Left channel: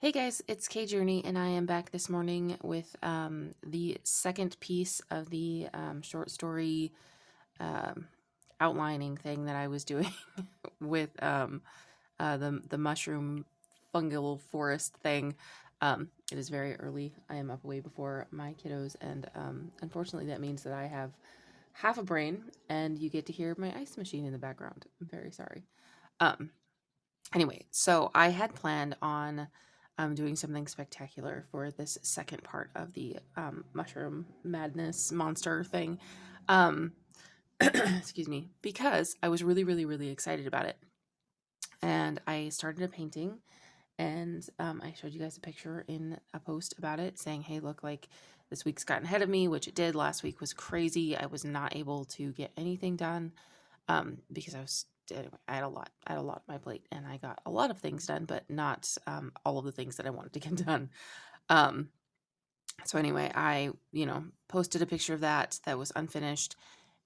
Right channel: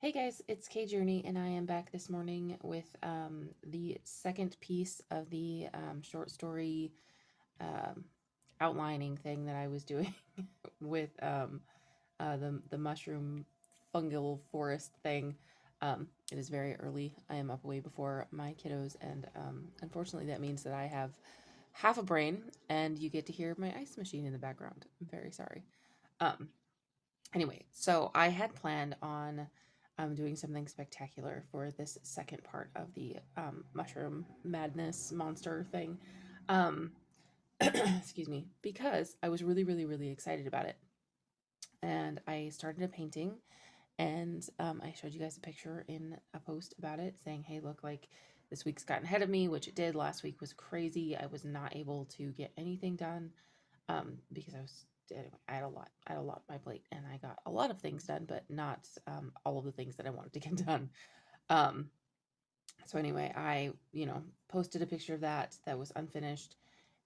Hey guys, it's Kay Journey, and I am back this morning with the second piece of the short story um, outlining thing that I was doing with the mushroom fungal forest thing. It is very early. I am up way before my kiddos, and unfortunately, that means that I have half a brain, and you get to hear my ice machine in the background. I'm very sorry. Um, Anyway, so I had planned on doing something spectacular for this second part of the mushroom madness monster thing. Um, excuse me, because I was really, really, really excited about it. And I started a painting, and I showed you guys a picture in a post about it saying, hey, look, like this week's gotten ahead of me, which it did. Last week was crazy. I was not able to get anything done because anyway, I had a lot on my plate, and I got a lot of things done, but not all of the things that I wanted to get done. Um, so anyway, I posted a picture of that was unfinished,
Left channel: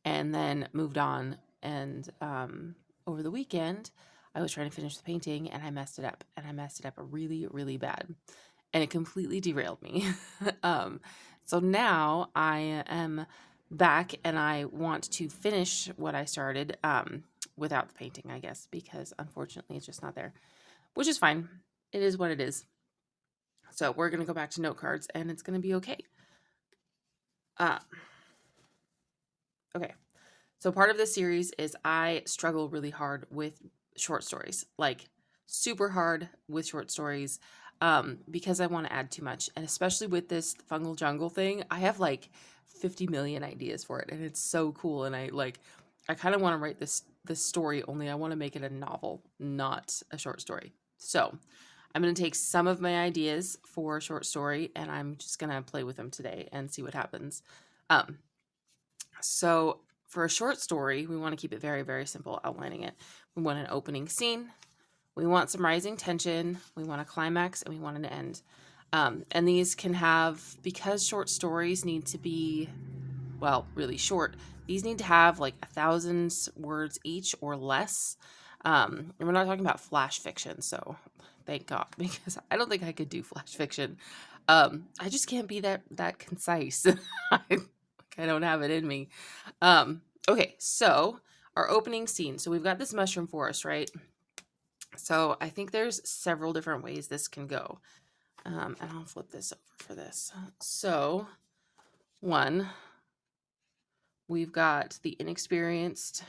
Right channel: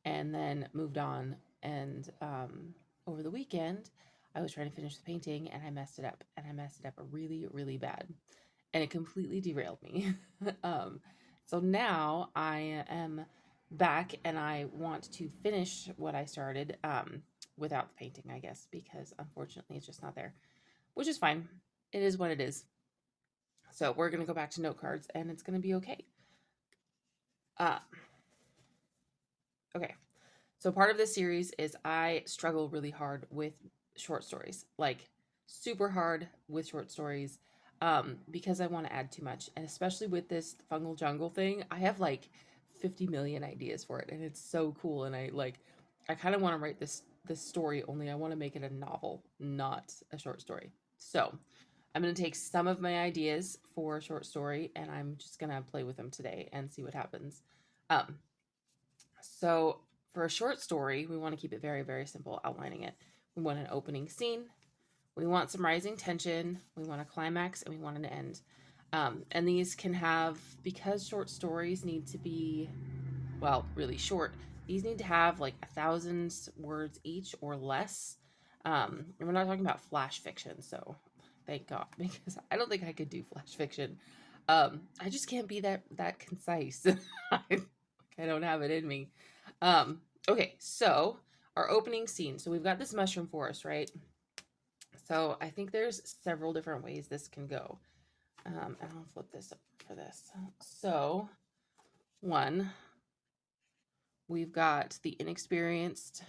and then moved on. And over the weekend, I was trying to finish the painting, and I messed it up, and I messed it up really, really bad, and it completely derailed me. um, so now I am back, and I want to finish what I started without the painting, I guess, because unfortunately it's just not there, which is fine. It is what it is. So we're going to go back to note cards, and it's going to be okay. Uh, okay. So part of this series is I struggle really hard with short stories, like super hard with short stories, because I want to add too much. And especially with this Fungal Jungle thing, I have like 50 million ideas for it, and it's so cool. And I kind of want to write this story, only I want to make it a novel, not a short story. So I'm going to take some of my ideas for a short story, and I'm just going to play with them today and see what happens. Um, so for a short story, we want to keep it very, very simple, outlining it. We want an opening scene. We want some rising tension. We want a climax, and we want an end. And these can have, because short stories need to be, well, really short, these need to have like 1,000 words each or less. And we're not talking about flash fiction, so thank God, because I don't think I could do flash fiction. I just can't be that concise. I don't have it in me. Okay, so our opening scene. So we've got this mushroom forest, right? So I think there's several different ways this can go. And I'll flip this over for this. So one, we've got the inexperienced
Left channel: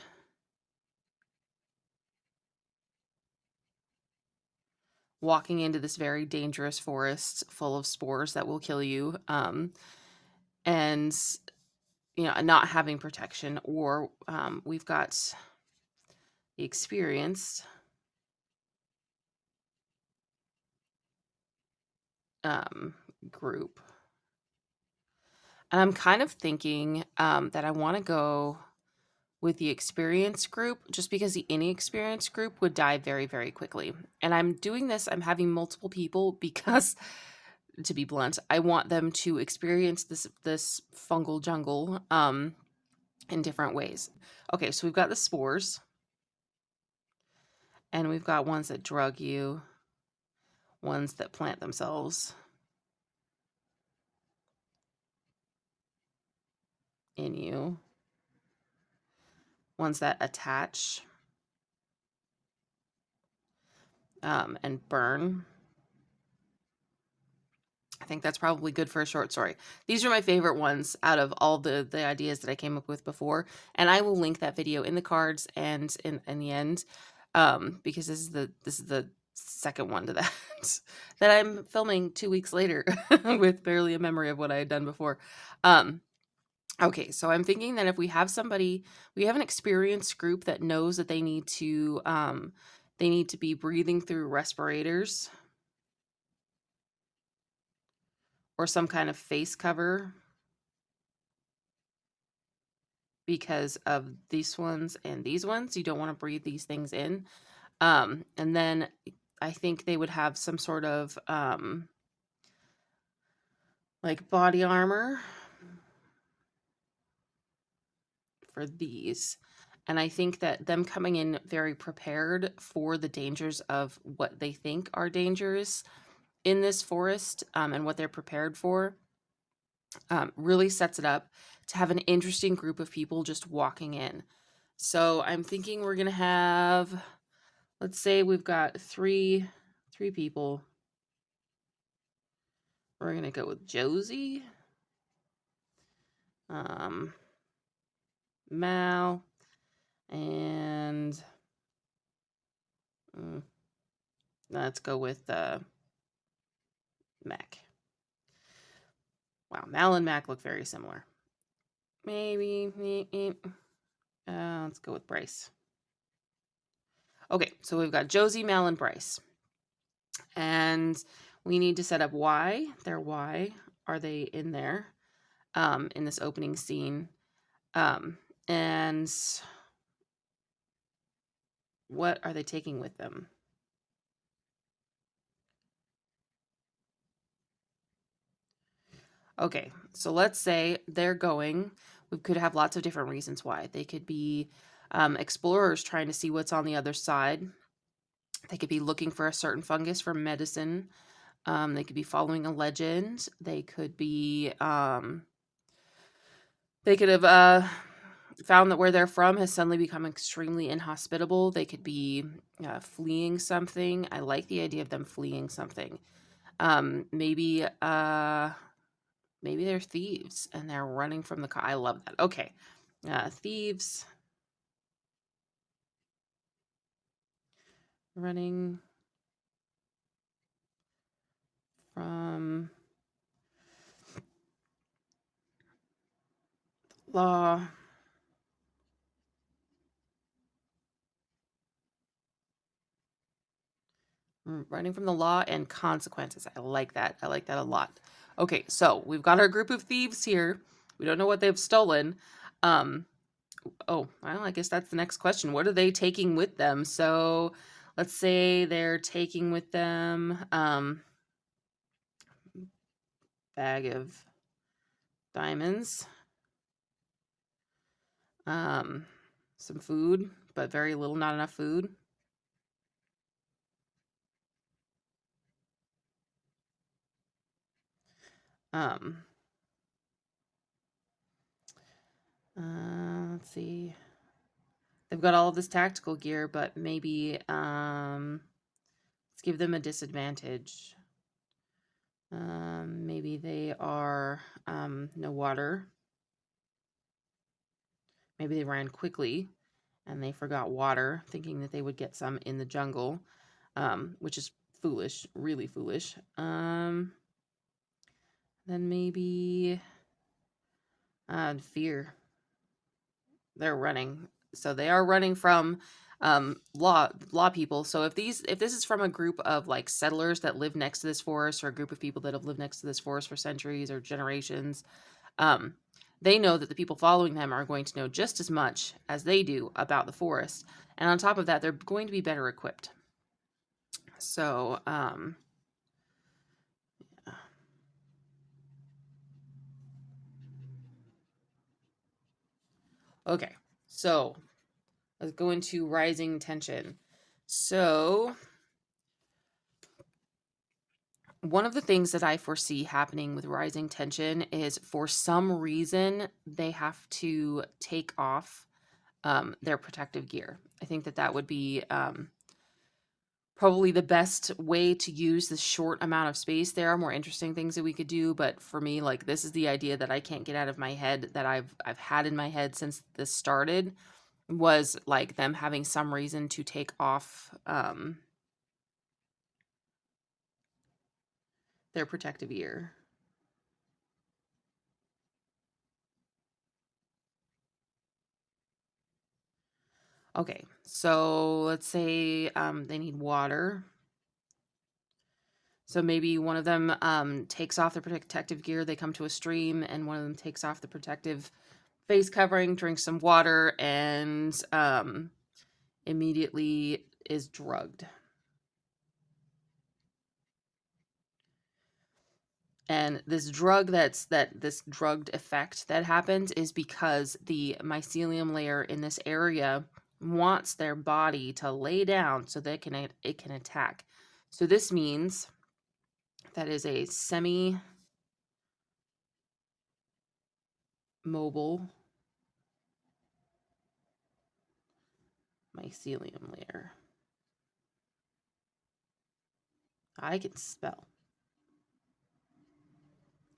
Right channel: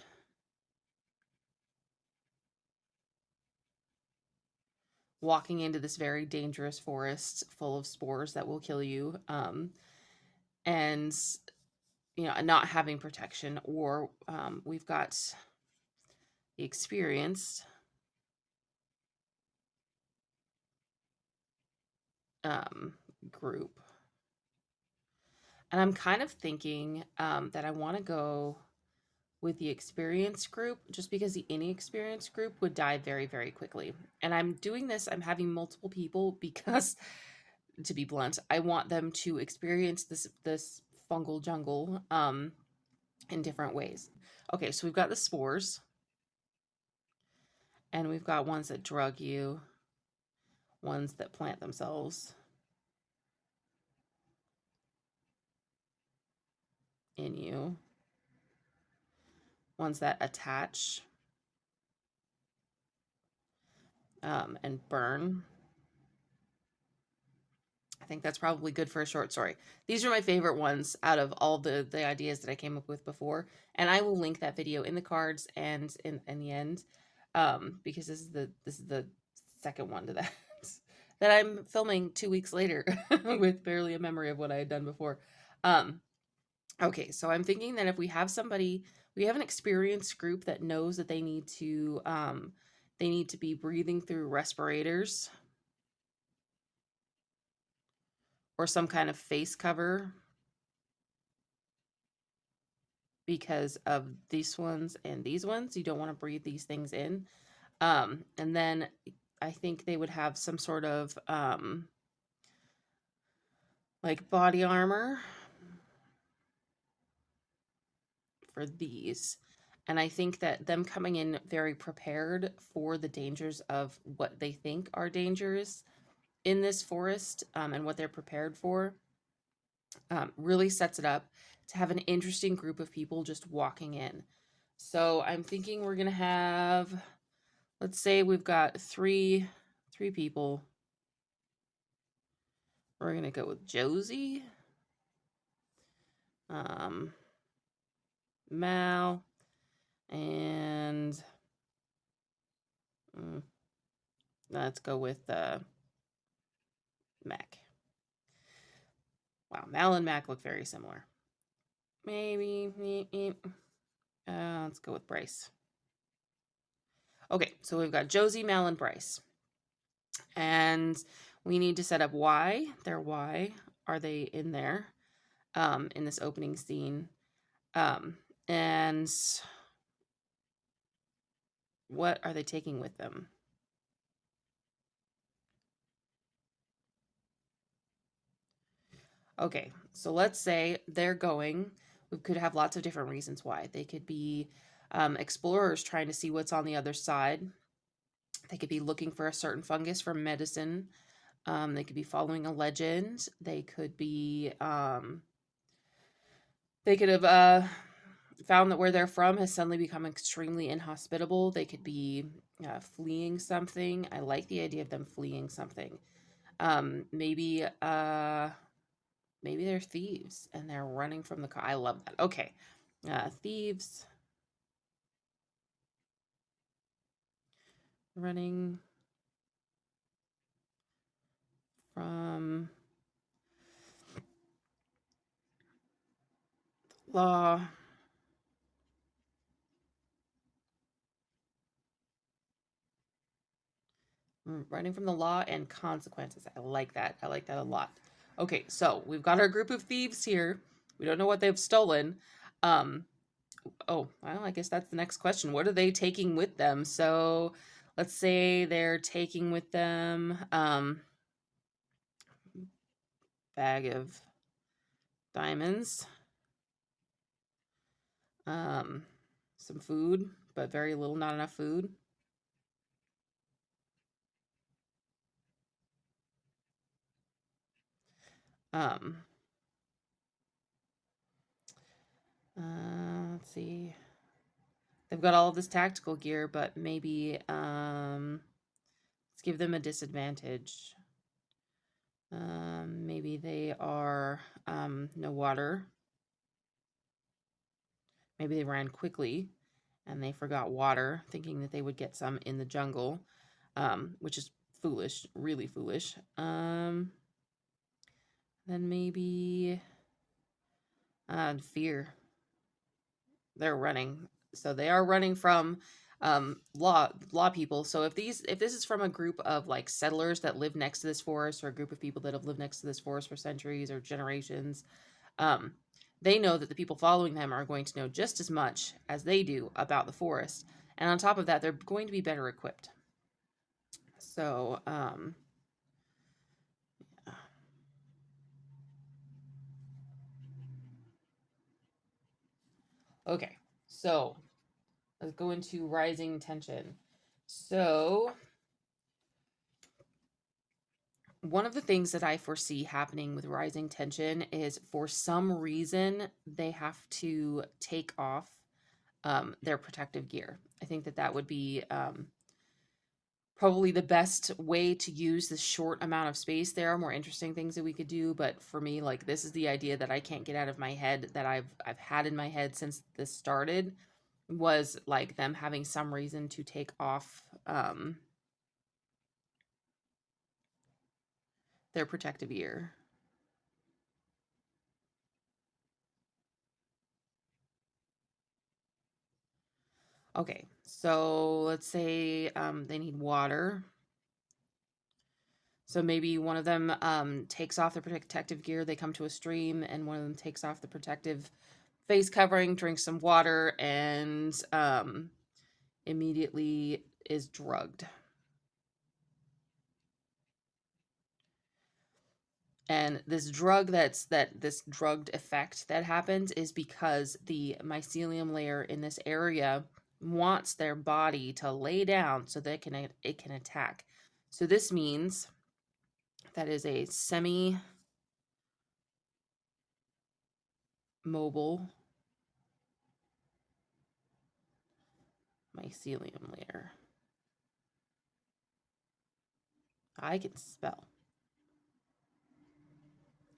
walking into this very dangerous forest full of spores that will kill you. And not having protection, or we've got the experienced group. And I'm kind of thinking that I want to go with the experienced group, just because the inexperienced group would die very, very quickly. And I'm having multiple people because, to be blunt, I want them to experience this fungal jungle in different ways. Okay, so we've got the spores, and we've got ones that drug you, ones that plant themselves in you, ones that attach and burn. I think that's probably good for a short story. These are my favorite ones out of all the ideas that I came up with before, and I will link that video in the cards and in the end, because this is the second one to that that I'm filming 2 weeks later with barely a memory of what I had done before. Okay, so I'm thinking that if we have we have an experienced group that knows that they need to be breathing through respirators or some kind of face cover because of these ones and these ones. You don't want to breathe these things in. And then I think they would have some sort of like body armor for these. And I think that them coming in very prepared for the dangers of what they think are dangers in this forest, and what they're prepared for, really sets it up to have an interesting group of people just walking in. So I'm thinking we're gonna have, let's say we've got three people. We're gonna go with Josie, Mal, and let's go with Mac. Wow, Mal and Mac look very similar. Maybe, let's go with Bryce. Okay, so we've got Josie, Mal, and Bryce. And we need to set up why. Why are they in there in this opening scene? And what are they taking with them? Okay, so let's say they're going. We could have lots of different reasons why. They could be explorers trying to see what's on the other side. They could be looking for a certain fungus for medicine. They could be following a legend. They could be, they could have found that where they're from has suddenly become extremely inhospitable. They could be fleeing something. I like the idea of them fleeing something. Maybe they're thieves and they're running from the car. I love that. Okay, thieves running from law. Running from the law and consequences. I like that. I like that a lot. Okay, so we've got our group of thieves here. We don't know what they've stolen. Oh, well, I guess that's the next question. What are they taking with them? So let's say they're taking with them bag of diamonds, some food, but very little, not enough food. Let's see. They've got all of this tactical gear, but maybe let's give them a disadvantage. Maybe they are no water. Maybe they ran quickly and they forgot water, thinking that they would get some in the jungle, which is foolish, really foolish. Then maybe fear. They're running, so they are running from law people. So if this is from a group of like settlers that live next to this forest, or a group of people that have lived next to this forest for centuries or generations, they know that the people following them are going to know just as much as they do about the forest. And on top of that, they're going to be better equipped. So, okay. So, let's go into rising tension. So, one of the things that I foresee happening with rising tension is, for some reason, they have to take off their protective gear. I think that would be probably the best way to use this short amount of space. There are more interesting things that we could do, but for me, like, this is the idea that I can't get out of my head, that I've had in my head since this started, was like them having some reason to take off their protective gear. Okay, so let's say they need water. So maybe one of them takes off their protective gear, they come to a stream, and one of them takes off the protective face covering, drinks some water, and immediately is drugged. And this this drugged effect that happens is because the mycelium layer in this area wants their body to lay down so that it can attack. So this means that is a semi-mobile mycelium layer. I can spell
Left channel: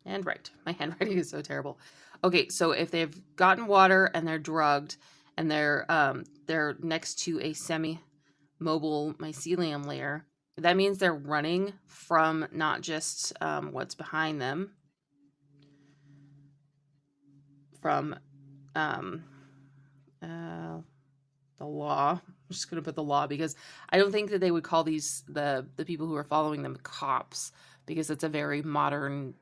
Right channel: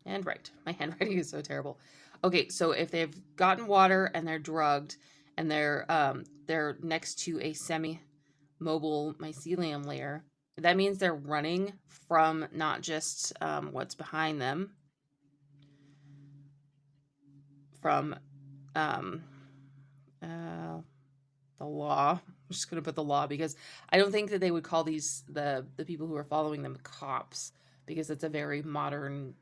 and write. My handwriting is so terrible. Okay, so if they've gotten water and they're drugged and they're next to a semi-mobile mycelium layer, that means they're running from not just what's behind them, from um, the law. I'm just going to put the law because I don't think that they would call these the people who are following them cops, because it's a very modern,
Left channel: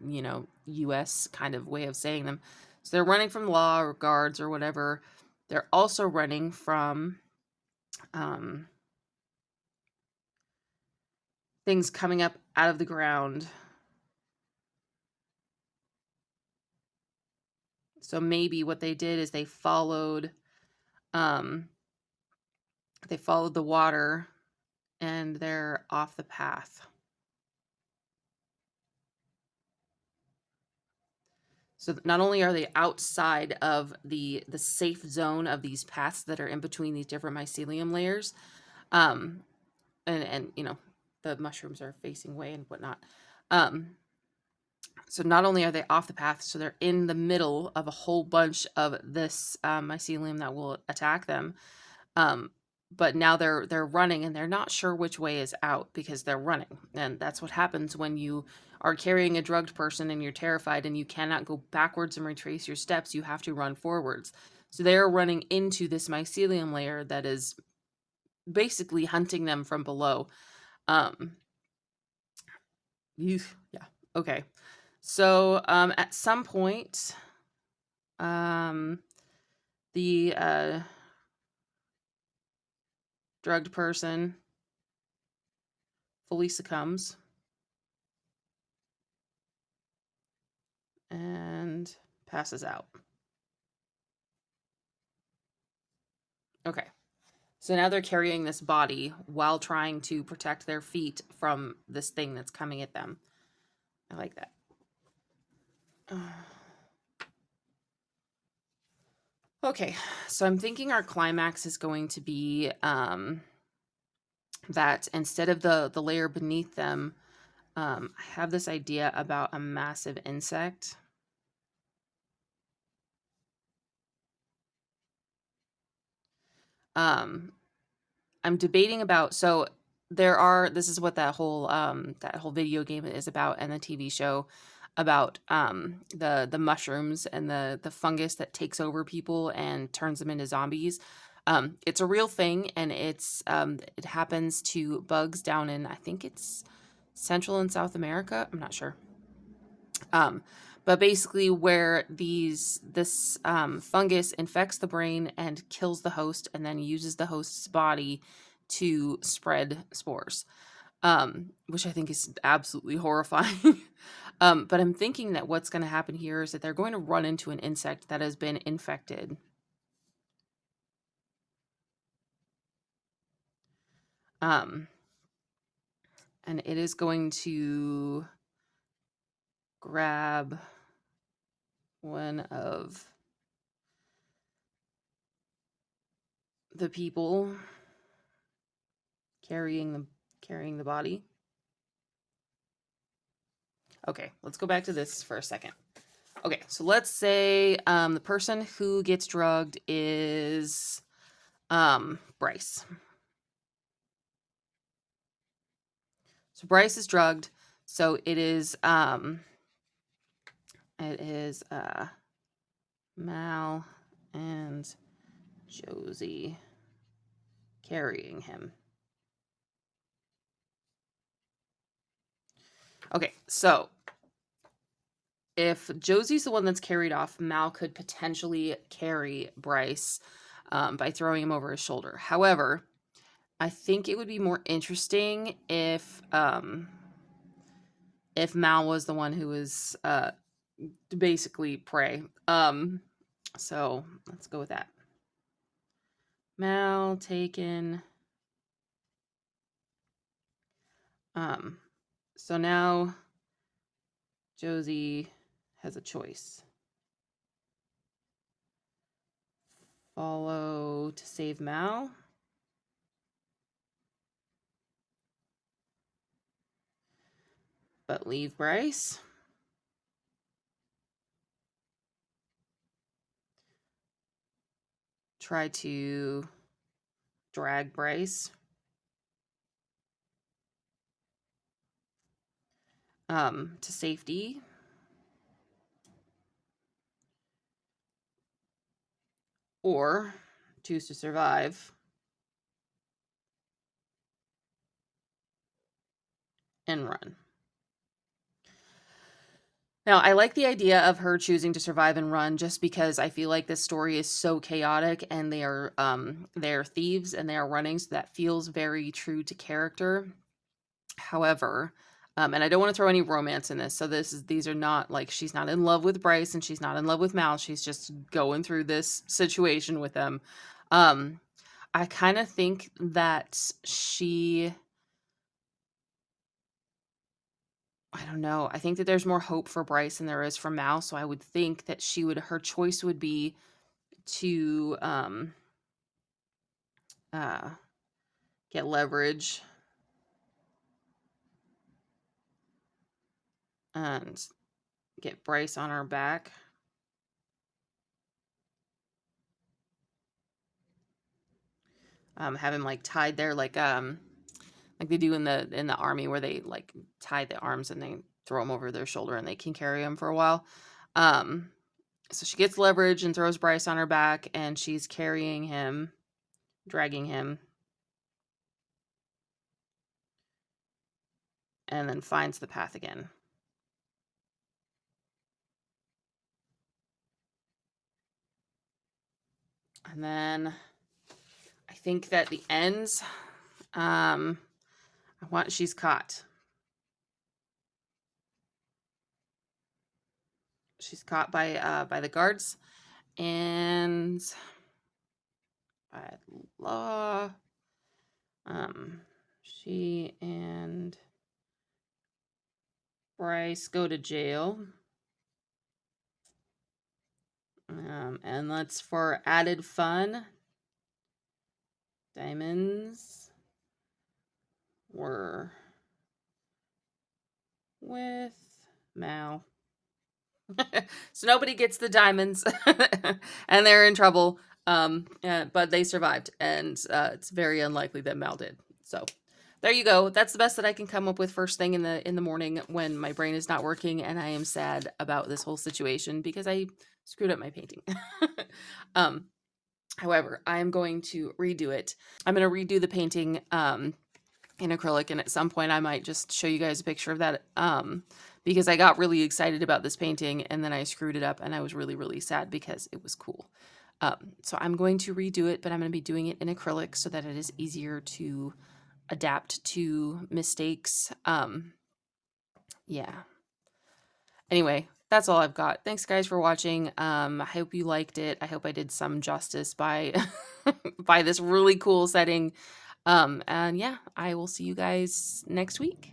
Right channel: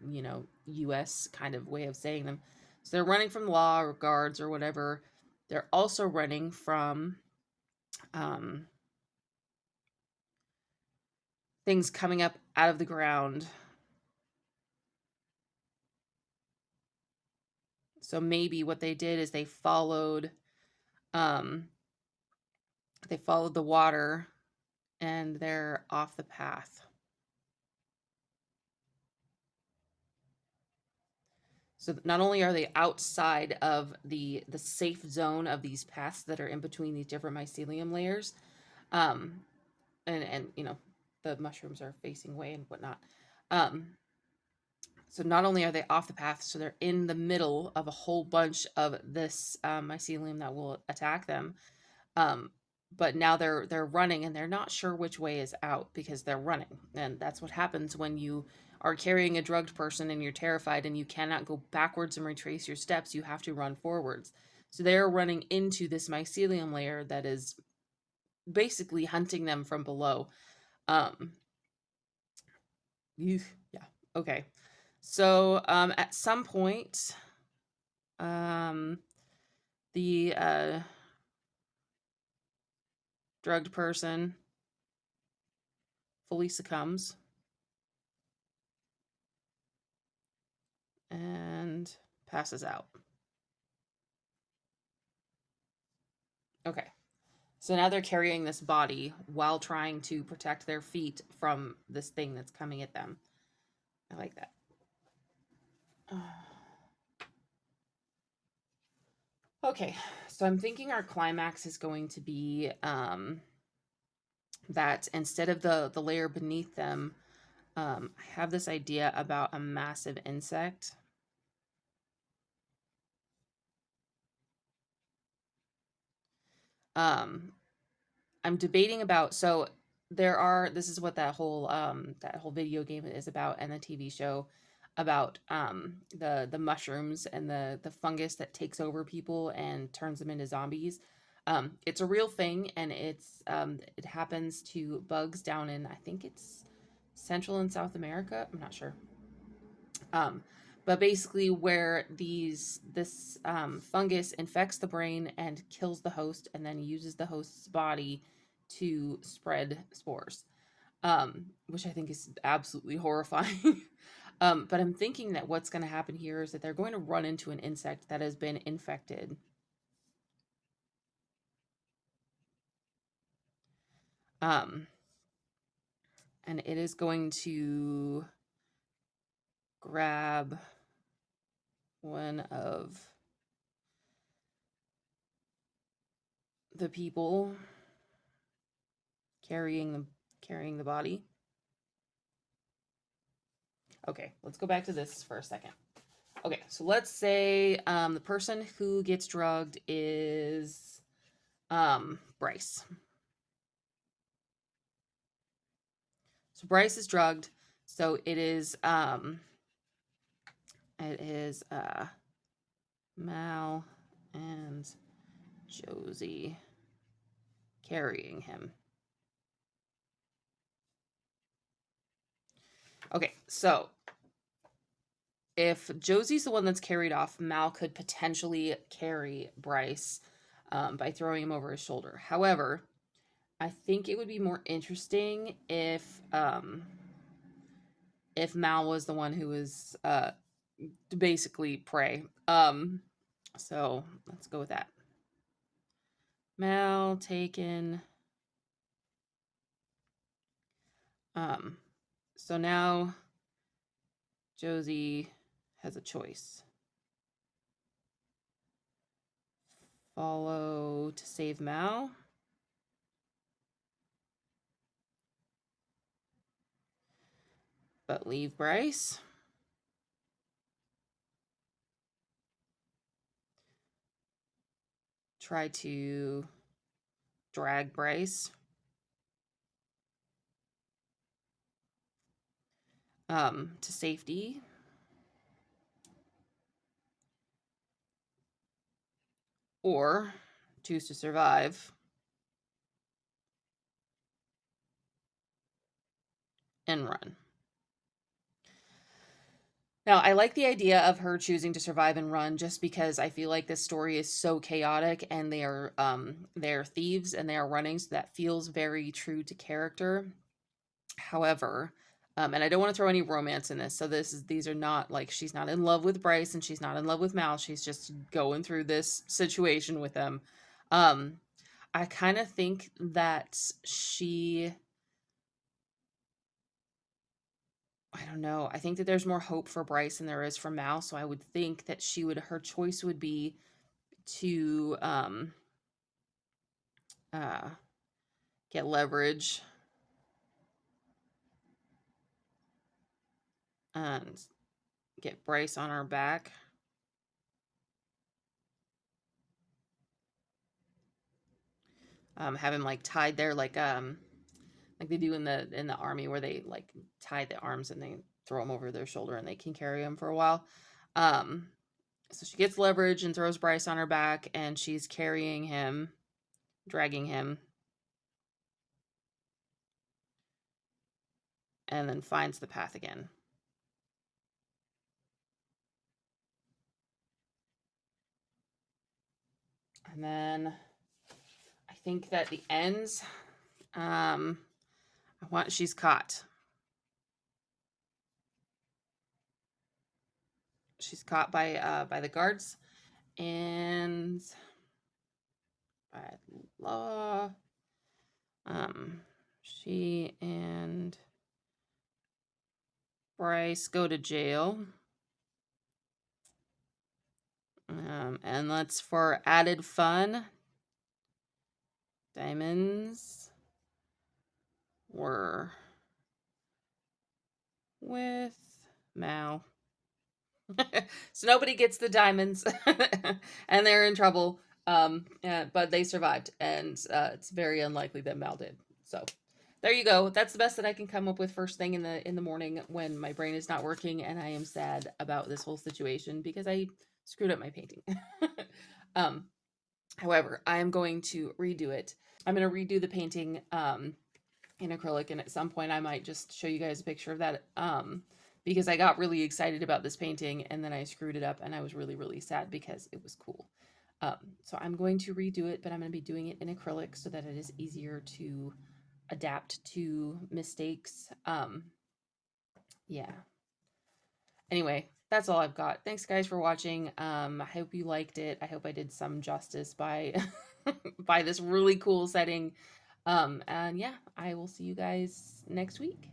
US kind of way of saying them. So they're running from law or guards or whatever. They're also running from things coming up out of the ground. So maybe what they did is they followed the water and they're off the path. So not only are they outside of the safe zone of these paths that are in between these different mycelium layers, and the mushrooms are facing away and whatnot. So not only are they off the path, so they're in the middle of a whole bunch of this mycelium that will attack them. But now they're running and they're not sure which way is out because they're running. And that's what happens when you are carrying a drugged person and you're terrified and you cannot go backwards and retrace your steps. You have to run forwards. So they're running into this mycelium layer that is basically hunting them from below. Yeah. Okay. So at some point, the drugged person fully succumbs and passes out. Okay. So now they're carrying this body while trying to protect their feet from this thing that's coming at them. I like that. Okay, so I'm thinking our climax is going to be that instead of the layer beneath them, I have this idea about a massive insect. I'm debating about, so this is what that whole video game is about, and the TV show about the mushrooms and the fungus that takes over people and turns them into zombies. It's a real thing, and it happens to bugs down in, I think it's Central and South America. I'm not sure. But basically, where this fungus infects the brain and kills the host, and then uses the host's body to spread spores, which I think is absolutely horrifying. But I'm thinking that what's going to happen here is that they're going to run into an insect that has been infected. And it is going to grab one of the people carrying the body. Okay, let's go back to this for a second. Okay, so let's say the person who gets drugged is Bryce. So Bryce is drugged. So it is Mal and Josie carrying him. Okay, so if Josie's the one that's carried off, Mal could potentially carry Bryce by throwing him over his shoulder. However, I think it would be more interesting if Mal was the one who was basically prey. So let's go with that. Mal taken. So now Josie has a choice. Follow to save Mal. But leave Bryce. Try to drag Bryce. To safety. Or choose to survive and run. Now, I like the idea of her choosing to survive and run just because I feel like this story is so chaotic and they're thieves and they are running, so that feels very true to character. However, and I don't want to throw any romance in this. So these are not like she's not in love with Bryce and she's not in love with Mal. She's just going through this situation with them. I kind of think that I don't know. I think that there's more hope for Bryce than there is for Mal. So I would think that her choice would be to uh, get leverage and get Bryce on her back. Have him like tied there, like they do in the army where they like tie the arms and they throw them over their shoulder and they can carry him for a while. So she gets leverage and throws Bryce on her back and she's carrying him, dragging him, and then finds the path again. And then I think that the ends, she's caught. She's caught by the guards and by law. She and Bryce go to jail. And let's, for added fun, diamonds were with Mal. So nobody gets the diamonds and they're in trouble. But they survived, and it's very unlikely that Mal did. So there you go. That's the best that I can come up with first thing in the morning when my brain is not working and I am sad about this whole situation because I screwed up my painting. However, I am going to redo it. I'm going to redo the painting in acrylic, and at some point I might just show you guys a picture of that because I got really excited about this painting and then I screwed it up and I was really, really sad because it was cool. So I'm going to redo it, but I'm going to be doing it in acrylic so that it is easier to adapt to mistakes. Yeah. Anyway, that's all I've got. Thanks guys for watching. I hope you liked it. I hope I did some justice by by this really cool setting. And yeah, I will see you guys next week.